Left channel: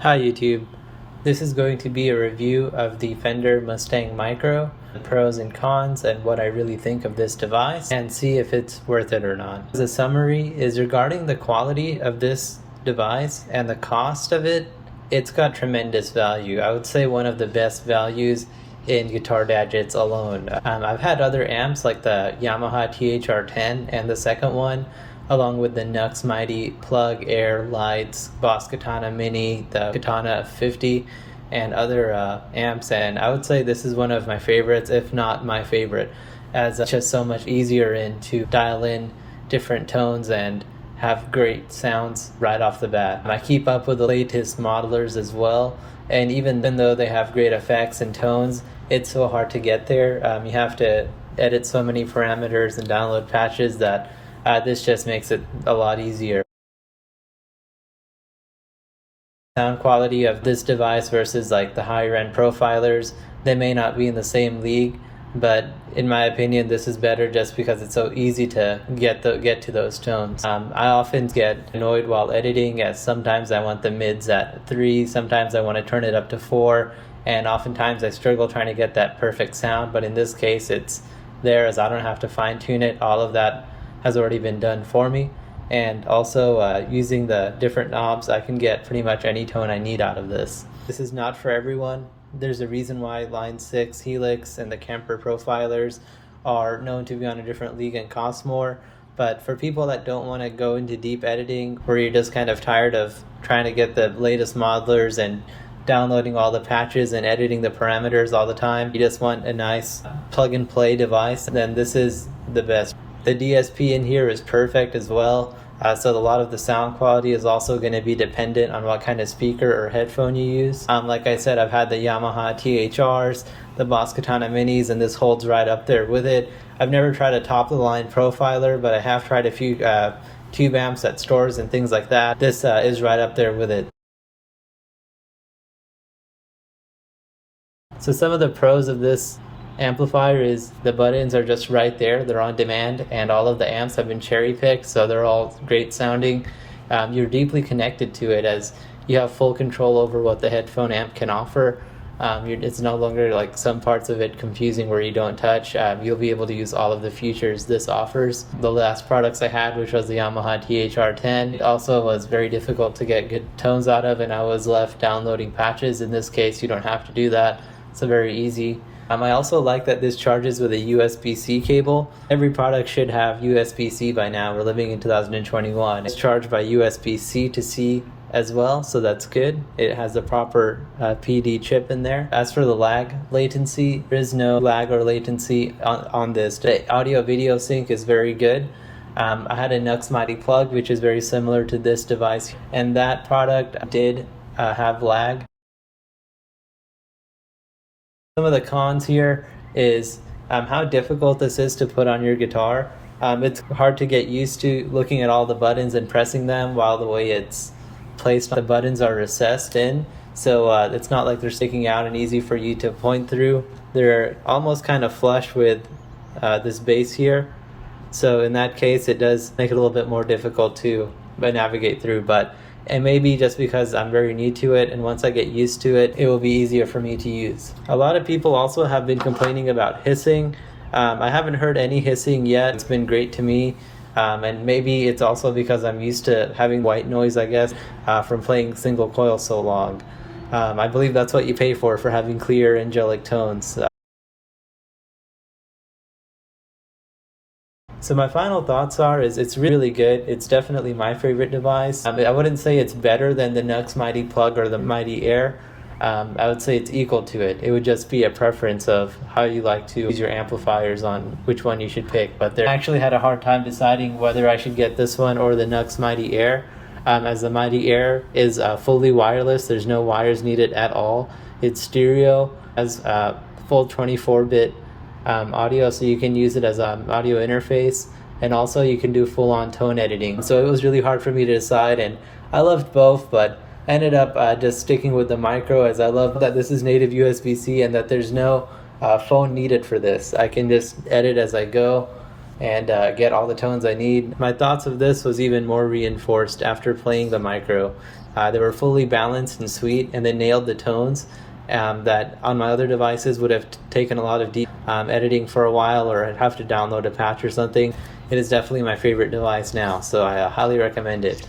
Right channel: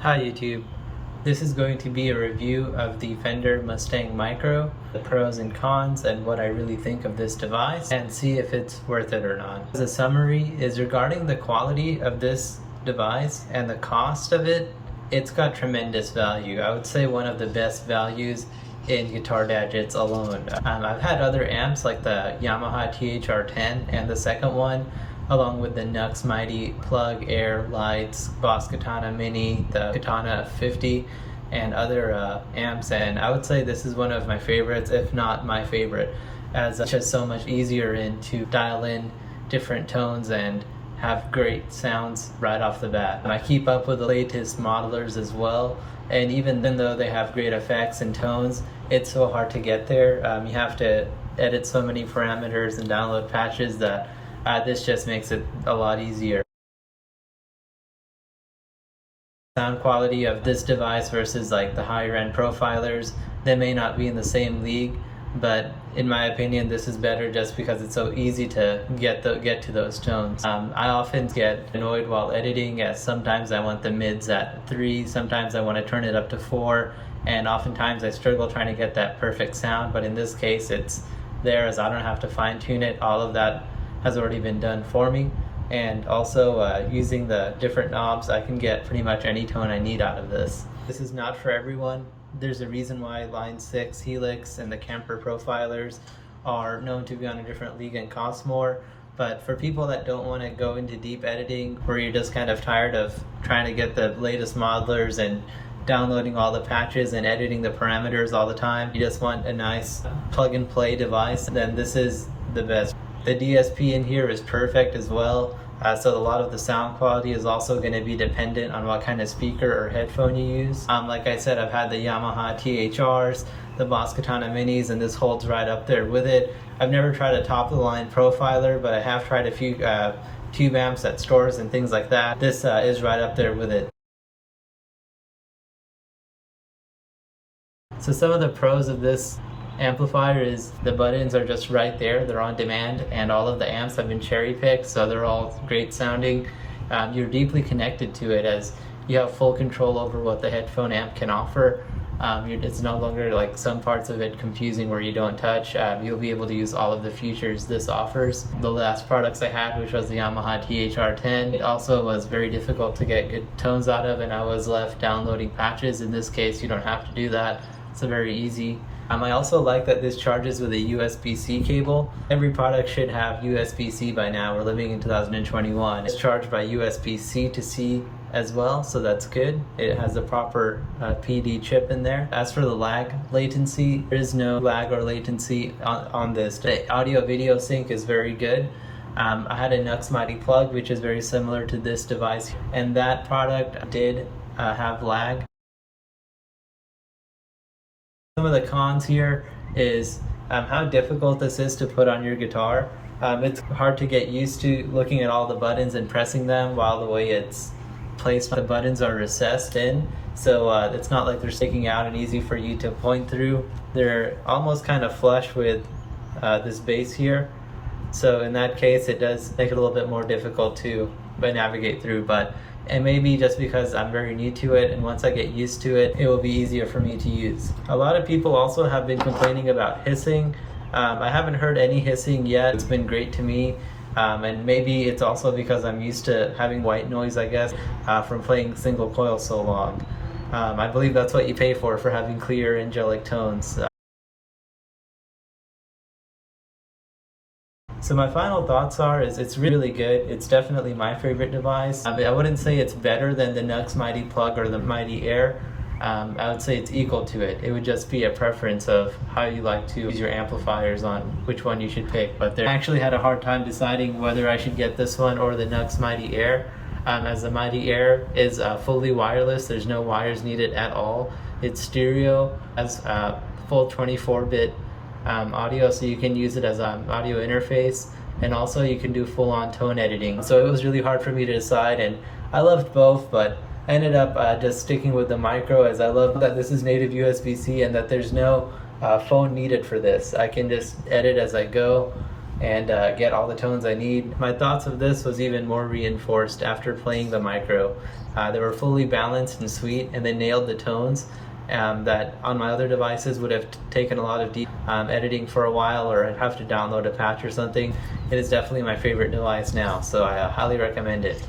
Hi YouTube. This is going to be a review of the Fender Mustang Micro, the pros and cons and what I really think of this device, and see if it's worth it or not. As a summary is regarding the quality of this device and the cost of it, it's got tremendous value. I would say one of the best values in guitar gadgets alone. I've had other amps like the Yamaha THR-10 and the second one, along with the Nux Mighty Plug Air Lights, Boss Katana Mini, the Katana 50, and other amps, and I would say this is one of my favorites, if not my favorite, as it's just so much easier to dial in different tones and have great sounds right off the bat. And I keep up with the latest modelers as well, and even though they have great effects and tones, it's so hard to get there. You have to edit so many parameters and download patches that this just makes it a lot easier. Sound quality of this device versus like the higher end profilers, they may not be in the same league, but in my opinion this is better just because it's so easy to get to those tones. I often get annoyed while editing, as sometimes I want the mids at 3, sometimes I want to turn it up to 4, and oftentimes I struggle trying to get that perfect sound, but in this case it's there, as I don't have to fine tune it. All of that has already been done for me, and also using the different knobs I can get pretty much any tone I need out of this. This is not for everyone. There's a reason why Line 6, Helix, and the Kemper profilers are known to be on a different league and cost more, but for people that don't want to go into deep editing, where you're just kind of tired of trying to get the latest modelers and downloading all the patches and editing the parameters all the time, you just want a nice plug and play device, then this is the best. The DSP in here is perfect as well, so a lot of the sound quality is also going to be dependent on what kind of speaker or headphone you use. Like I said, I've had the Yamaha THRs, the Boss Katana Minis, and this holds right up there with it. I've never tried a top-of-the-line profiler, but I have tried a few tube amps at stores and things like that. This is right up there with it. So some of the pros of this amplifier is the buttons are just right there, they're on demand, and all of the amps have been cherry picked, so they're all great sounding. You're deeply connected to it, as you have full control over what the headphone amp can offer. It's no longer like some parts of it confusing where you don't touch. You'll be able to use all of the features this offers. The last products I had, which was the Yamaha THR-10, it also was very difficult to get good tones out of, and I was left downloading patches. In this case, you don't have to do that. It's very easy. I also like that this charges with a USB-C cable. Every product should have USB-C by now. We're living in 2021. It's charged by USB-C to C as well, so that's good. It has the proper PD chip in there. As for the lag latency, there is no lag or latency on this. The audio video sync is very good. I had a Nux Mighty Plug, which is very similar to this device, and that product did have lag. Some of the cons here is how difficult this is to put on your guitar. It's hard to get used to looking at all the buttons and pressing them, while the way it's placed, the buttons are recessed in, so it's not like they're sticking out and easy for you to point through. They're almost kind of flush with this base here, so in that case it does make it a little bit more difficult to navigate through, but it may be just because I'm very new to it, and once I get used to it, it will be easier for me to use. A lot of people also have been complaining about hissing. I haven't heard any hissing yet. It's been great to me, and maybe it's also because I'm used to having white noise, I guess, from playing single coil so long. I believe that's what you pay for having clear angelic tones. So my final thoughts is it's really good. It's definitely my favorite device. I wouldn't say it's better than the Nux Mighty Plug or the Mighty Air. I would say it's equal to it. It would just be a preference of how you like to use your amplifiers on which one you should pick. But I actually had a hard time deciding whether I should get this one or the Nux Mighty Air. As the Mighty Air is fully wireless, there's no wires needed at all. It's stereo, has full 24-bit audio, so you can use it as an audio interface, and also you can do full-on tone editing. So it was really hard for me to decide, and I loved both, but I ended up just sticking with the Micro, as I love that this is native USB-C and that there's no phone needed for this. I can just edit as I go. and get all the tones I need. My thoughts of this was even more reinforced after playing the micro. They were fully balanced and sweet, and they nailed the tones that on my other devices would have taken a lot of deep editing for a while, or I'd have to download a patch or something. It is definitely my favorite device now, so I highly recommend it.